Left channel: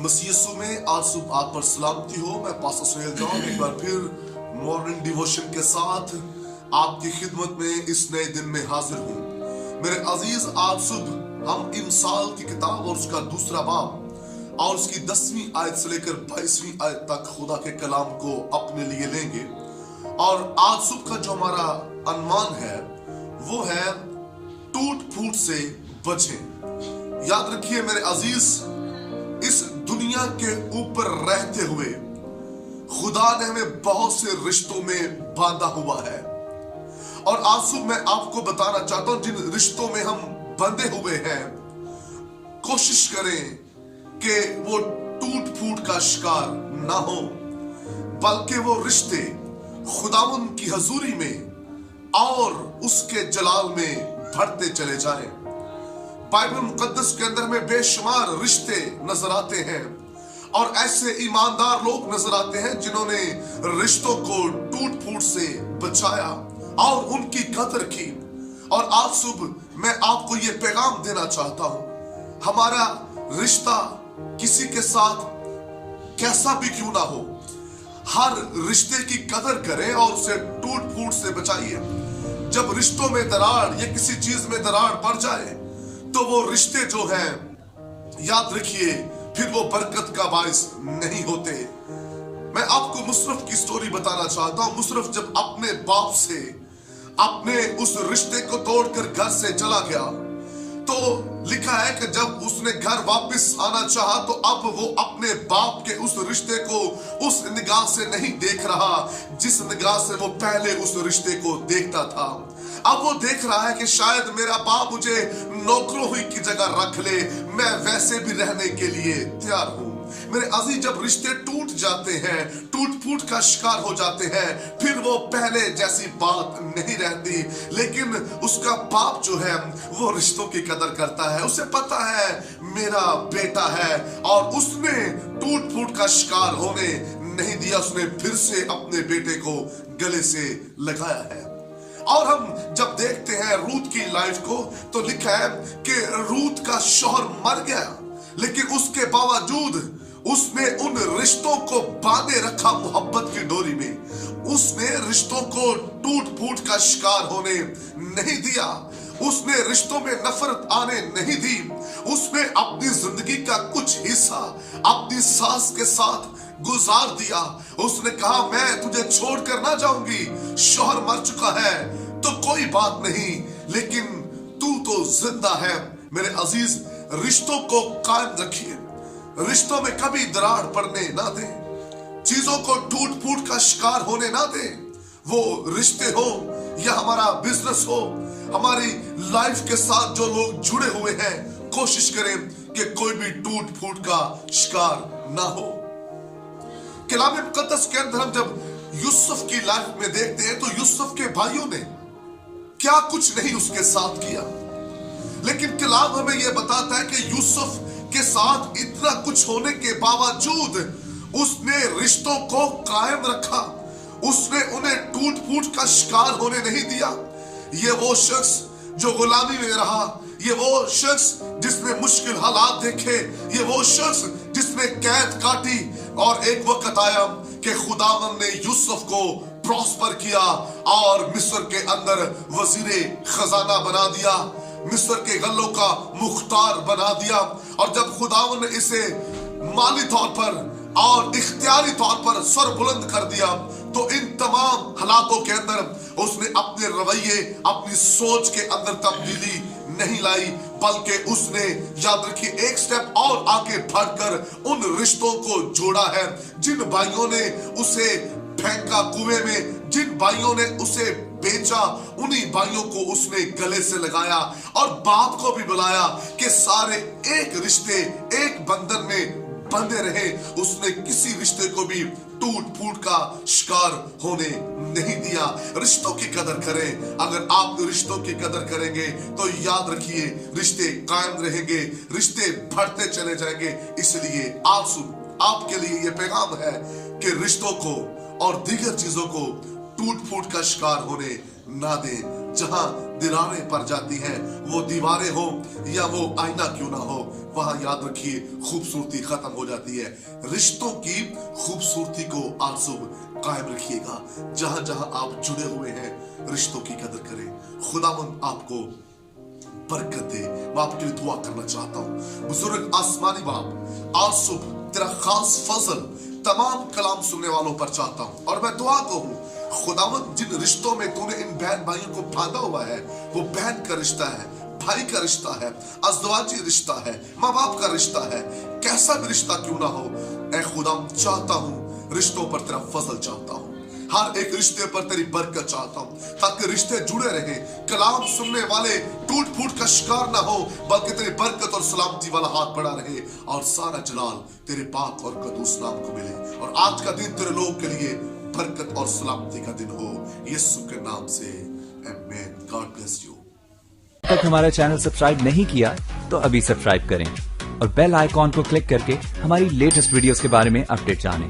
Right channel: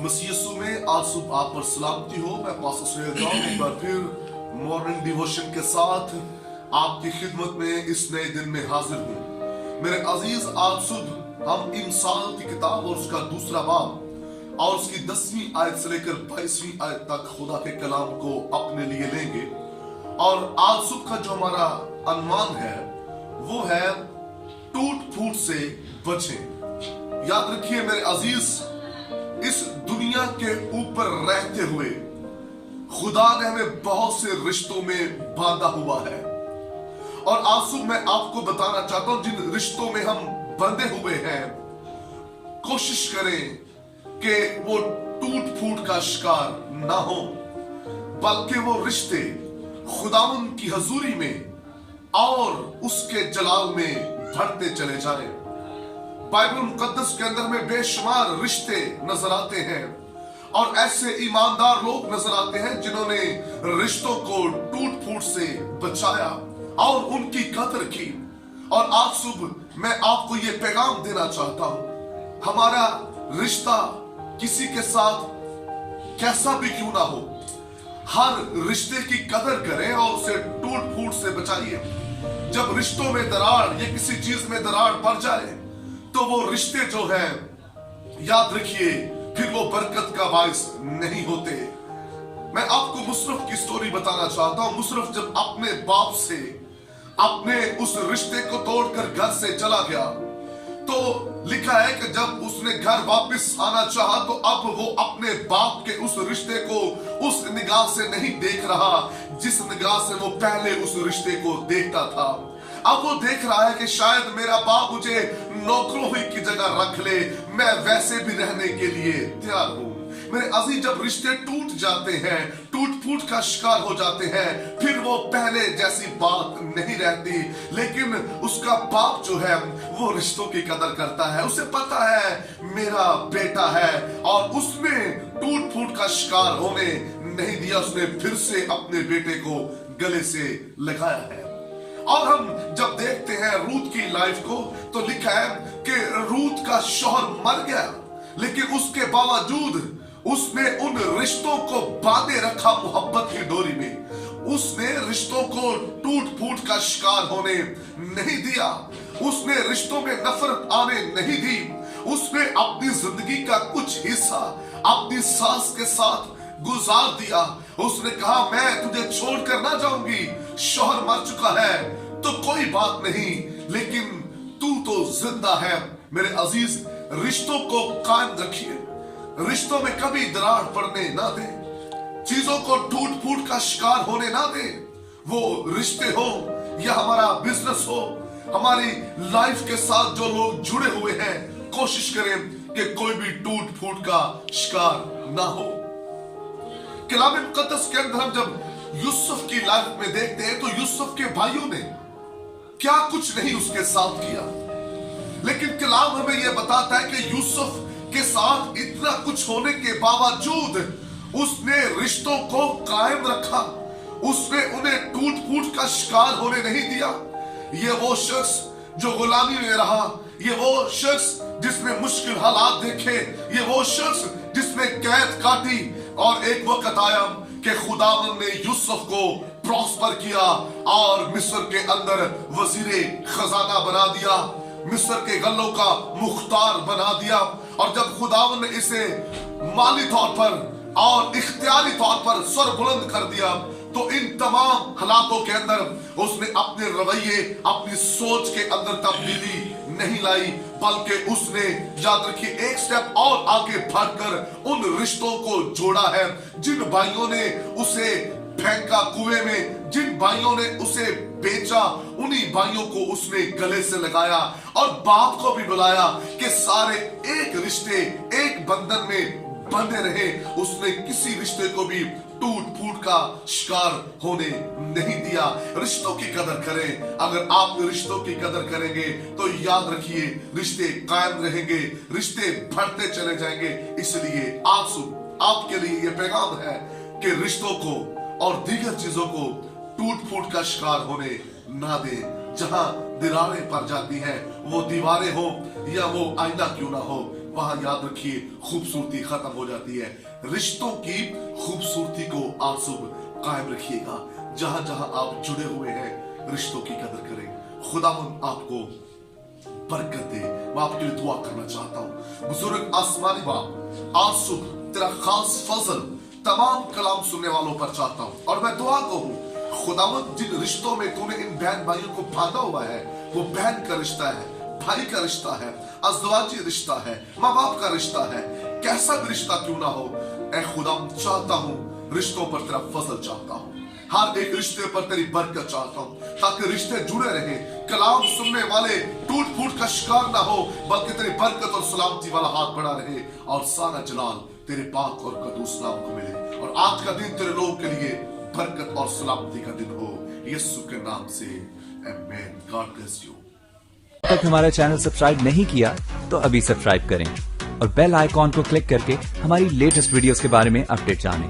मसीह यीशु में आज सुबह आप पर सलामती हो। मैं पास्टर सैयद जॉन एक बार फिर मॉर्निंग डिवोशन के साथ आपकी खिदमत में इस नए दिन में हाजिर हूँ। मेरे अजीज, आज सुबह हम इमसाल की किताब और उसका दूसरा बाब और उसकी 10वीं आयत से लेकर 22वीं आयत तक खुदा के कलाम को अपने लिए लेंगे। और आज सुबह का जो हमारा अनुमान है वो है टूट फूट से बचें। याद रखिए मेरे अजीज, इस दुनिया के ऊपर रहते हुए खुदा ने हमें बहुत से रिश्तों में बांधा हुआ है। और आज सुबह मैं आपको बताना चाहता हूं, जिन रिश्तों में हम बंधे हुए हैं, कोशिश करें कि वो टूट फूट का शिकार ना हो, बल्कि वो रिश्ते खुदावंद की हजूरी में और उसके जलाल में बढ़ते चले जाएं। बाइबल मुकद्दस के अंदर में बेशुमार रिश्ते नजर आते हैं और ऐसे ईमानदार लोग नजर आते हैं जिन्होंने रिश्तों को टूट फूट से बचाया और उनकी कदर की। और आज सुबह मैं आपको ये पैगाम देना चाहता हूं, हमारा रिश्ता किसी के साथ कैसा भी क्यों ना हो, हर रिश्ते की कदर करें और उसे टूट फूट से बचाइए। जब रिश्तों में दरार या किसी चीज में दरार पड़ जाए तो वो रिश्ते जो हैं, याद रखिए, फिर वो बरकत का बाइस नहीं होते। मैं आपको मुशर्रफ की स्टोरी बताना चाहता हूं। मुशर्रफ जब अपने बाप से अपने उस रिश्ते को तोड़कर घर से चला गया, तो लिखा है कि जब उसने घर वापस आना चाहा तो अब वो अपने बाप के उस रिश्ते को उस निगाह से नहीं देख रहा जिस निगाह से वो पहले उस रिश्ते को देखता था। अब वो देख रहा है कि शायद मेरा बाप मुझे नौकरों ही की जगह रख ले, मैं वैसे भी रहने के लिए तैयार हूं। मेरे अजीज, जब रिश्ते टूट जाते हैं, टूट फूट का शिकार हो जाते हैं, फिर वो पहले जैसी बात नहीं रहती। लेकिन उसका बाप जो है वो रिश्तों की कदर करता है। उसे पता है मेरा बेटा है और उसने टूट फूट का शिकार होने नहीं दिया। उसने फिर से अपने बेटे को गले से लगाया है। और हम जब देखते हैं रूत की लाइफ को, तो लिखा है कि रूत का शौहर मर गया, लेकिन उसके बावजूद उसने उन रिश्तों को बांधे रखा मोहब्बत की डोरी में। उसने रिश्तों को टूट फूट का शिकार होने नहीं दिया। उसने रिश्तों में नफरत आने नहीं दी। उसने अपनी जिंदगी का कुछ हिस्सा अपनी सास के साथ गुजार दिया। उसने कहा, मैं तुझे छोड़कर ना जाऊंगी, शौहर मर चुका है तो कोई बात नहीं, लेकिन तू तो जिंदा है। मेरे अजीज, रिश्तों को कायम रखिए, रिश्तों में कभी दरार पड़ने ना दे, चीजों को टूट फूट का शिकार होने ना दे। वो रिश्ते हो या हमारा बिजनेस हो, हमारी लाइफ के साथ जो लोग जुड़े हुए हैं, कोशिश करें कि कोई भी टूट फूट का शिकार ना हो। कलाम मुकद्दस के अंदर हम जब यूसुफ की लाइफ में देखते हैं तो यूसुफ के भाइयों ने क्या कुछ नहीं उसके साथ किया, लेकिन कलाम हमें यह बताता है कि यूसुफ के साथ इतना कुछ होने के बावजूद उसने रिश्तों को कायम रखा। उसने उन्हें टूट फूट का शिकार होने नहीं दिया। ये वो शख्स जो गुलामी में रहा, ये वो शख्स जिसने मुश्किल हालात देखे, ये वो शख्स जिसने कैद काटी, और एक वक्त आया कि खुदावंद ने यूसुफ को प्रॉस्पर किया और मिस्र के अंदर वजीरे खजाना बना दिया, मिस्र के गल्लों का मुख्तार बना दिया। और जब खुदावंद ने इसे माली तौर पर और इख्तियारी तौर पर सर बुलंद कर दिया, तो इन तमाम हालातों के अंदर उसने अपने रवैये, अपनी सोच के अंदर तब्दीली नहीं लाई, बल्कि उसने, याद रखिए, एक स्टेप और आगे बढ़कर उन रिश्तों को जोड़ा है। जिन भाइयों ने उसे फेंका कुएं में, जिन भाइयों ने उसे बेचा, उन्हीं भाइयों को उसने गले से लगाया और बाप को भी बुलाया कि सारे एक रिश्ते, एक बंधन में बंधे रहे। उसने किसी रिश्ते को भी टूट फूट का शिकार होने नहीं दिया। रिश्तों की कदर करें। अगर आप रिश्तों की कदर करेंगे तो याद रखिए, रिश्ते कायम रहेंगे, रिश्ते बढ़ते चले जाएंगे। इसलिए आज सुबह आपके लिए यह पैगाम है कि रिश्तों को और दीगर चीजों को टूट फूट का शिकार होने ना दें। जहां दीवारें पड़ जाती हैं, वो दीवारें हो या वो आईना क्यों ना हो, वहां याद रखिए खूबसूरती खत्म हो जाती है। रिश्तों की खूबसूरती को आंसू कायम रखिएगा। जहां जहां आप जुड़े हुए हैं, रिश्तों की कदर करें। खुदावंद आपको बरकत दे। मैं आपके लिए दुआ करना चाहता हूँ। बुजुर्ग आसमानी बाप, आज सुबह तेरा खास फजल तमाम कलाम सुनने वालों पर चाहता हूँ, और मैं दुआ कहूँ खुदावंद जिन रिश्तों में तूने इन बहन भाइयों को बांधा हुआ है, वो बहन का रिश्ता है, भाई का रिश्ता है, अज़दवाजी रिश्ता है, माँ बाप का रिश्ता है, कैसा भी रिश्ता क्यों ना हो, ऐ खुदा चाहता हूँ रिश्तों पर तेरा फजल चाहता हूँ। हर एक रिश्ते पर तेरी बरकत चाहता हूँ, ताकि रिश्ते जुड़े रहे, कलाम सुनने वाले टूट फूट का शिकार ना हो, बल्कि तेरी बरकत और सलामती वाला हाथ बढ़ा रहे, और सारा जलाल तेरे पाक और कदूस नाम को मिले। और आज का दिन तेरे लोगों के लिए बरकत और सलामती का दिन हो, यीशु के नाम से, आमीन। God bless you. अब तक हमारा चैनल सब्सक्राइब नहीं किया तो अभी सब्सक्राइब करें और बेल आइकॉन को क्लिक करके हमारी लेटेस्ट वीडियोस के बारे में अपडेट जानें।